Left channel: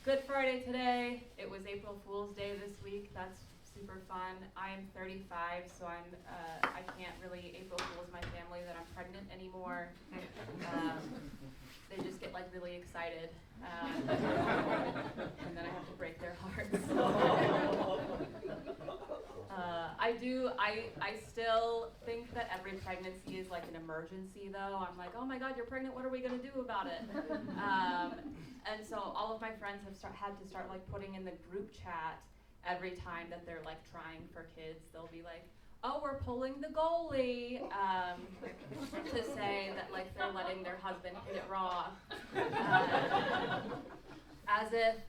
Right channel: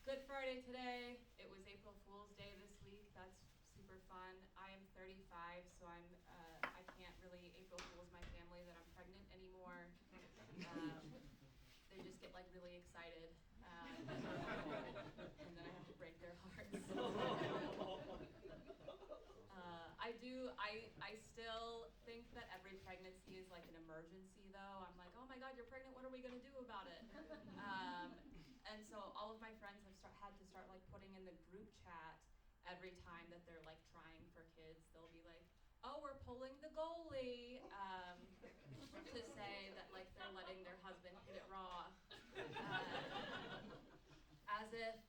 Good Friday today. It was April Fool's Day this week. That's super fun. I am 35, so I can't really April Fool's my family that I'm pregnant anymore. They just get like really excited, and then I have to break their hearts. I still think that every pregnancy is like an emergency though. I'm like, oh my God, you're pregnant, what are we gonna do about it? And so all of my friends have had to start like putting in the group chat every time that they're like trying for kids. They'll be like, oh, we're pulling the goalie, to say that like they're letting their husband hit it raw. As if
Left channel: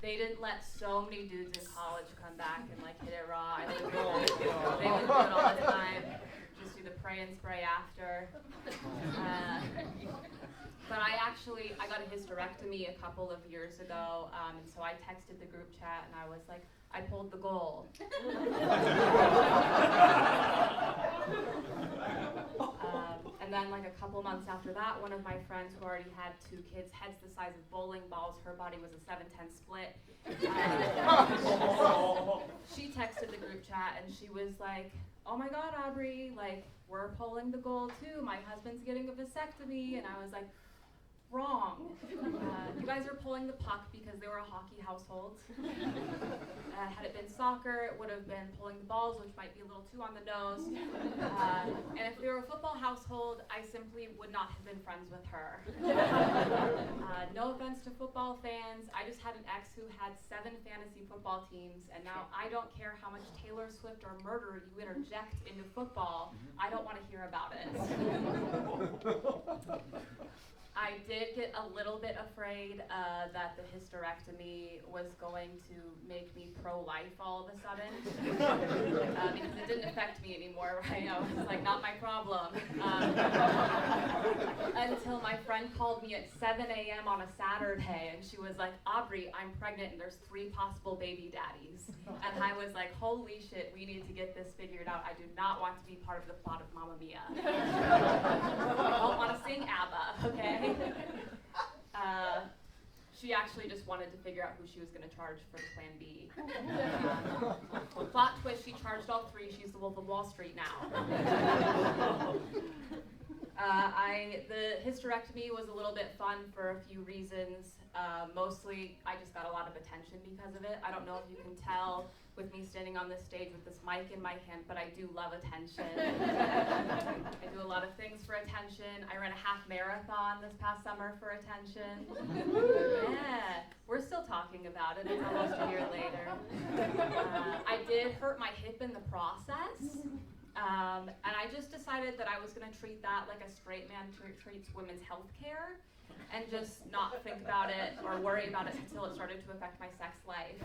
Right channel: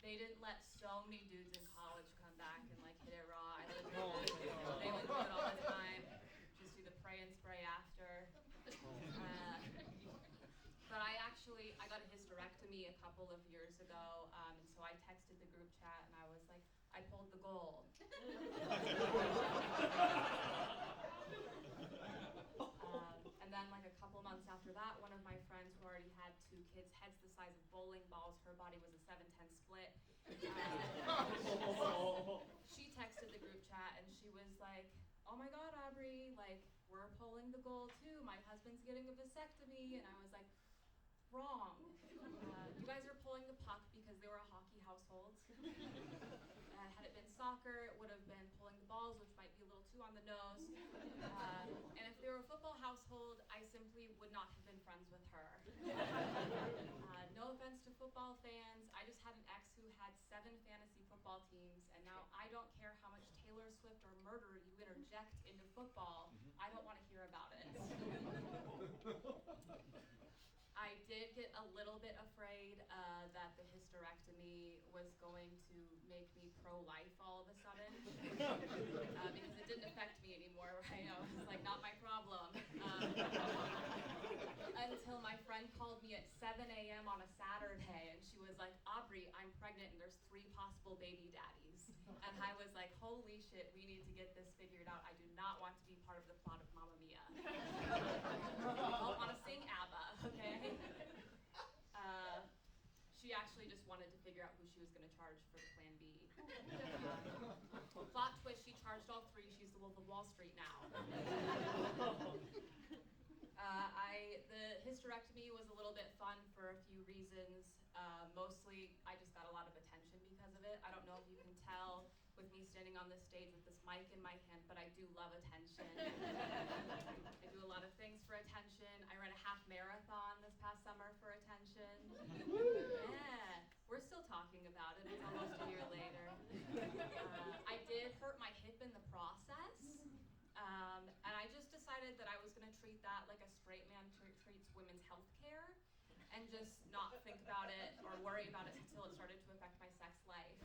they didn't let so many dudes in college come back and like hit it raw. They would do it all the time. Just do the pray and spray after. But I got a hysterectomy a couple of years ago, and so I texted the group chat and I was like, I pulled the goal. And then like a couple months after that, one of my friends who already had 2 kids, heads the size of bowling balls, her body was a 7-10 split. She texted the group chat and she was like, oh my God, Aubrey, like we're pulling the goal too. My husband's getting a vasectomy. And I was like, wrong. You guys are pulling the puck because they were a hockey household. Had it been soccer, it would have been pulling the balls, which might be a little too on the nose. And if they were a football household, I simply would not have been friends with her. No offense to football fans, I just had an ex who had 7 fantasy football teams, and now I don't care how much Taylor Swift or murder you interject into football, I don't want to hear about it. I did get a little bit afraid that the hysterectomy was going to make me pro-life all of a sudden, because it didn't affect me anymore, right? I was like, not my problem. Until my friend called me at 7 a.m. on a Saturday, and she was like, Aubrey, I'm pregnant, and there's 3 possible baby daddies. And I was like, holy shit, we need to get this figured out. I do not want to be part of the plot of Mamma Mia. I don't want to sing ABBA, okay? She actually just wanted to figure out who she was going to charge for the plan B. Plot twist, she charged all 3. She's the Wolf of Wall Street now. The hysterectomy was a little bit fun for a few reasons. Mostly, I just got a lot of attention because of it. I don't know if you can tell with me standing on this stage with this mic in my hand, but I do love attention. I do a lot of things for attention. I ran a half marathon this past summer for attention. Yeah, we're still talking about it. It's almost a year later. I did hurt my hip in the process. And I just decided that I was going to treat that like a straight man treats women's health care, and just not think about it or worry about it until it started to affect my sex life.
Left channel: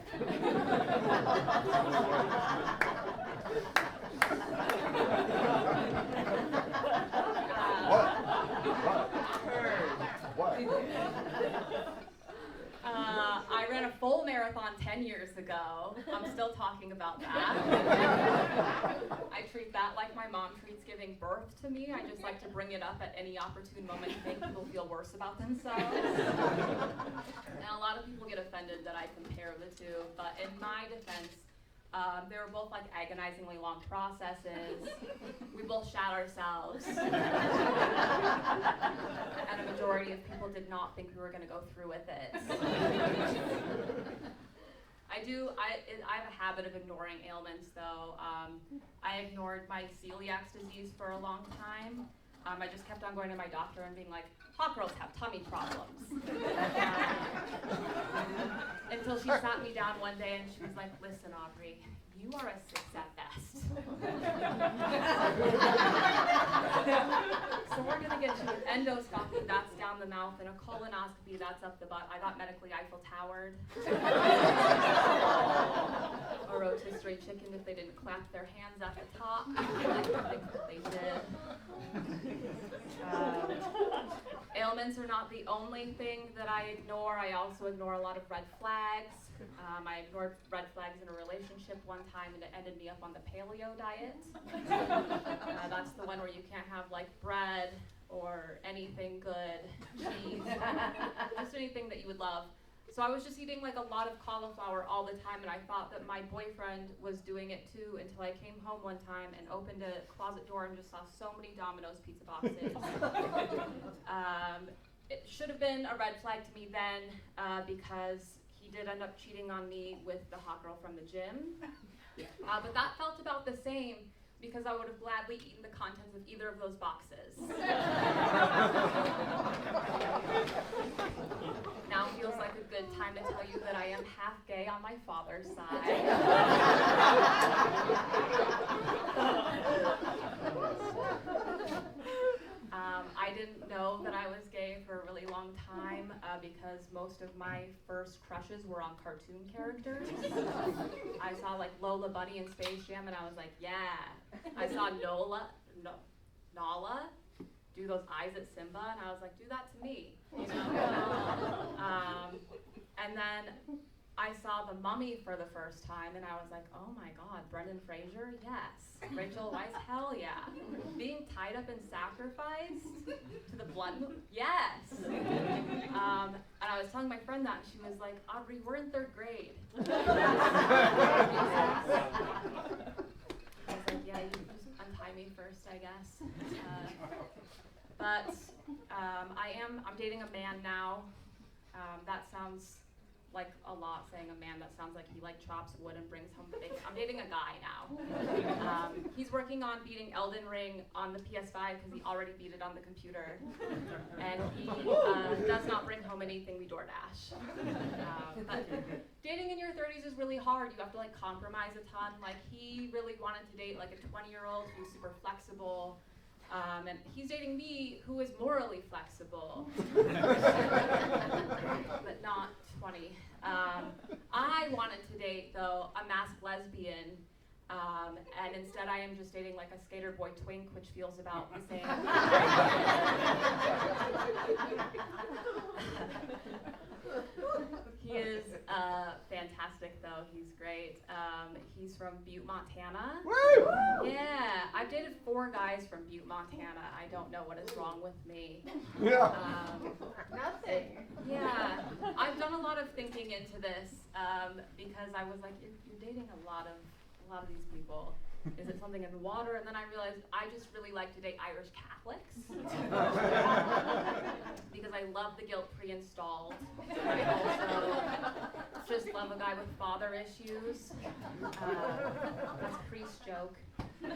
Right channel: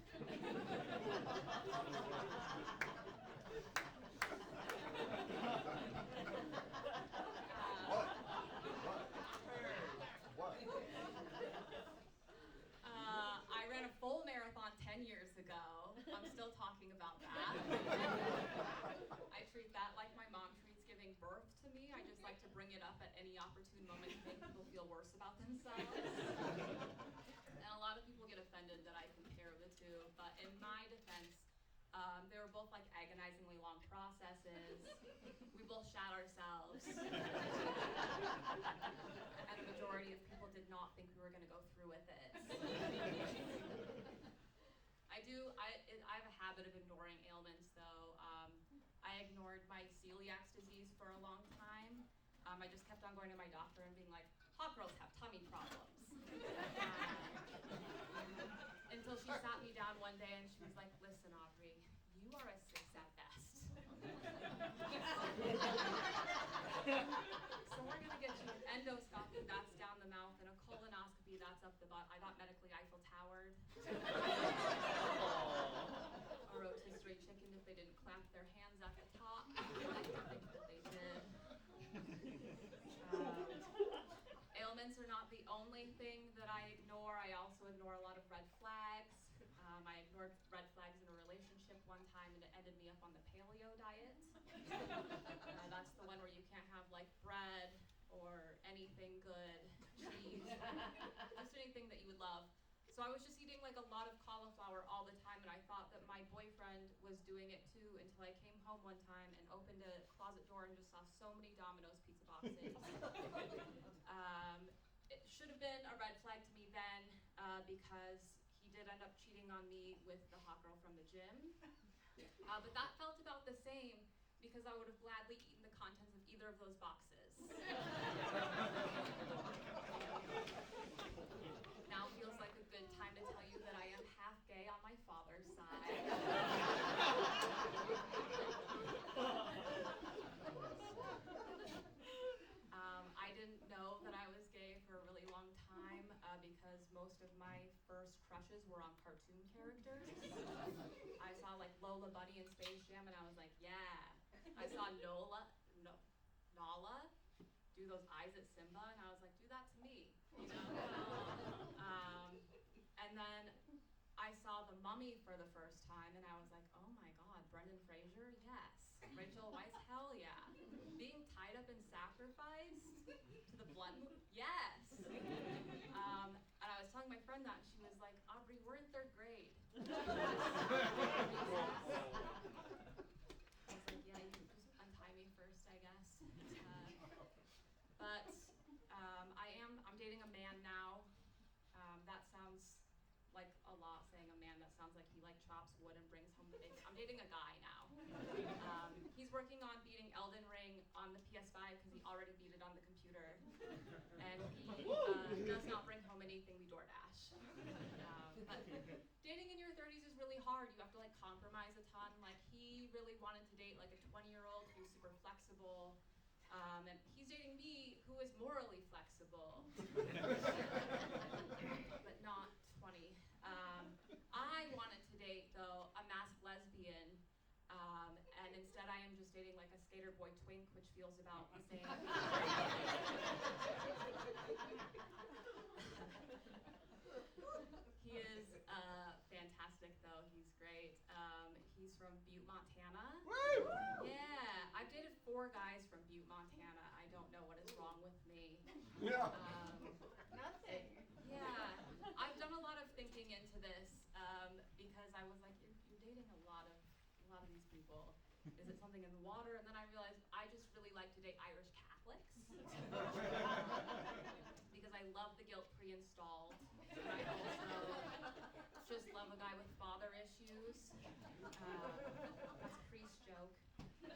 I ran a full marathon 10 years ago. I'm still talking about that. I treat that like my mom treats giving birth to me. I just like to bring it up at any opportune moment to make people feel worse about themselves. And a lot of people get offended that I compare the two, but in my defense, they were both like agonizingly long processes. We both shat ourselves. And a majority of people did not think we were going to go through with it. I have a habit of ignoring ailments though. I ignored my celiac disease for a long time. I just kept on going to my doctor and being like, hot girls have tummy problems. Until she sat me down one day and she was like, listen, Aubrey, you are a 6 at best. So we're going to get you an endoscopy, that's down the mouth, and a colonoscopy, that's up the butt. I got medically Eiffel Towered. A rotisserie chicken if they didn't clap their hands at the top. I think that they did. Ailments are not the only thing that I ignore. I also ignore a lot of red flags. I ignored red flags in a relationship one time, and it ended me up on the paleo diet. That's the one where you can't have like bread or anything good, cheese, just anything that you would love. So I was just eating like a lot of cauliflower all the time, and I thought that my boyfriend was doing it too until I came home one time and opened a closet door and just saw so many Domino's pizza boxes. It should have been a red flag to me then because he did end up cheating on me with the hot girl from the gym. But that felt about the same because I would have gladly eaten the contents of either of those boxes. Now feels like a good time to tell you that I am half gay on my father's side. I didn't know that I was gay for a really long time because most of my first crushes were on cartoon characters. I saw like Lola Bunny in Space Jam and I was like, yeah. I saw Nala do those eyes at Simba and I was like, do that to me, you know? And then I saw The Mummy for the first time and I was like, oh my God, Brendan Fraser, yes. Rachel Weisz, hell yeah. Being tied up and sacrificed to the blood moon, yes. And I was telling my friend that and she was like, Audrey, we're in 3rd grade. I was like, yeah, you just untie me first, I guess. But I'm dating a man now. That sounds like a lot, saying a man. That sounds like he like chops wood and brings home the bacon. I'm dating a guy now. He's working on beating Elden Ring on the PS5 because he already beat it on the computer. And he does not bring home anything we DoorDash. But dating in your 30s is really hard. You have to like compromise a ton. Like he really wanted to date like a 20-year-old who's super flexible. And he's dating me, who is morally flexible, but not 20. I wanted to date, though, a masked lesbian, and instead I am just dating like a skater boy twink, which feels about the same. He is fantastic, though. He's great. He's from Butte, Montana. Woo! Yeah, I've dated 4 guys from Butte, Montana. I don't know what is wrong with me. Yeah. Nothing. Yeah, I've done a lot of thinking into this because I was like, you're dating a lot of these people. Is it something in the water? And then I realized I just really like to date Irish Catholics because I love the guilt pre-installed. I also just love a guy with father issues. That's a priest joke.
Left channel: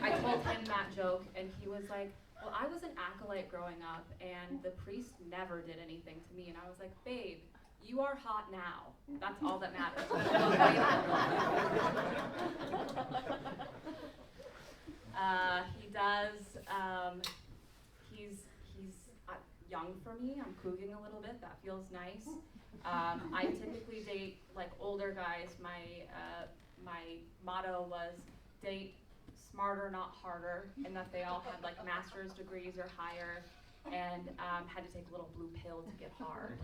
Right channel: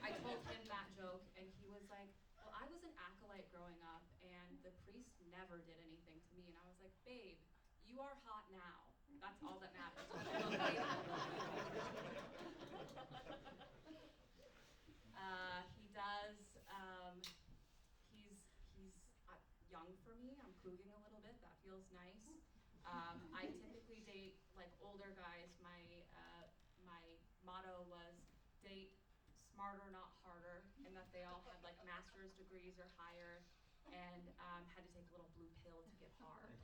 I told him that joke and he was like, well, I was an acolyte growing up and the priest never did anything to me. And I was like, babe, you are hot now. That's all that matters. He does, he's young for me. I'm couging a little bit. That feels nice. I typically date like older guys. My motto was date smarter, not harder, and that they all had like master's degrees or higher, and had to take a little blue pill to get hard.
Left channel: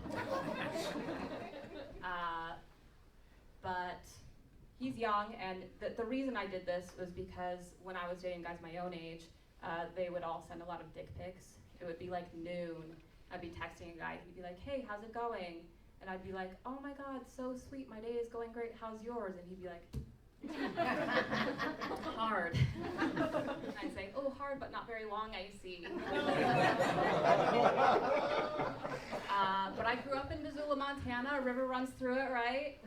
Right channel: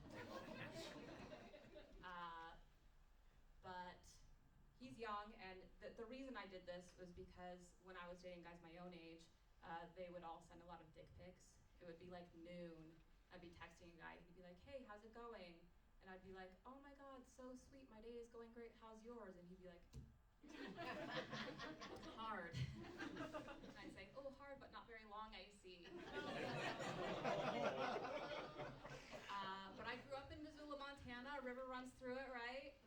But he's young, and the reason I did this was because when I was dating guys my own age, they would all send a lot of dick pics. It would be like noon. I'd be texting a guy. He'd be like, hey, how's it going? And I'd be like, oh my God, so sweet. My day is going great. How's yours? And he'd be like, hard. And I'd say, oh, hard, but not very long, I see. But I grew up in Missoula, Montana. A river runs through it, right?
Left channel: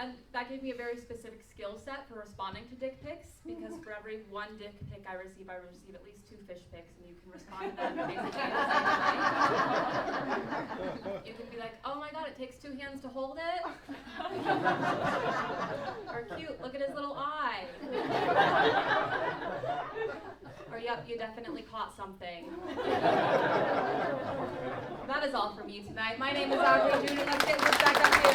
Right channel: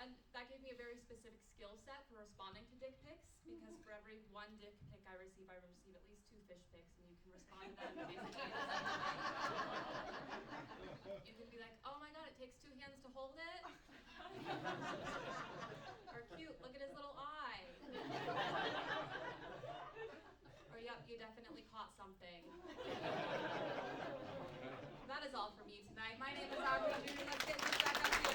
And that gave me a very specific skill set for responding to dick pics, because for every 1 dick pic I receive at least 2 fish pics, and you can respond to them basically in the same way. You can be like, oh my God, it takes 2 hands to hold it. Or cute, look at his little eye. Or yep, you definitely caught something. That is all for me tonight. My name is Audrey June, and let's get this back up here.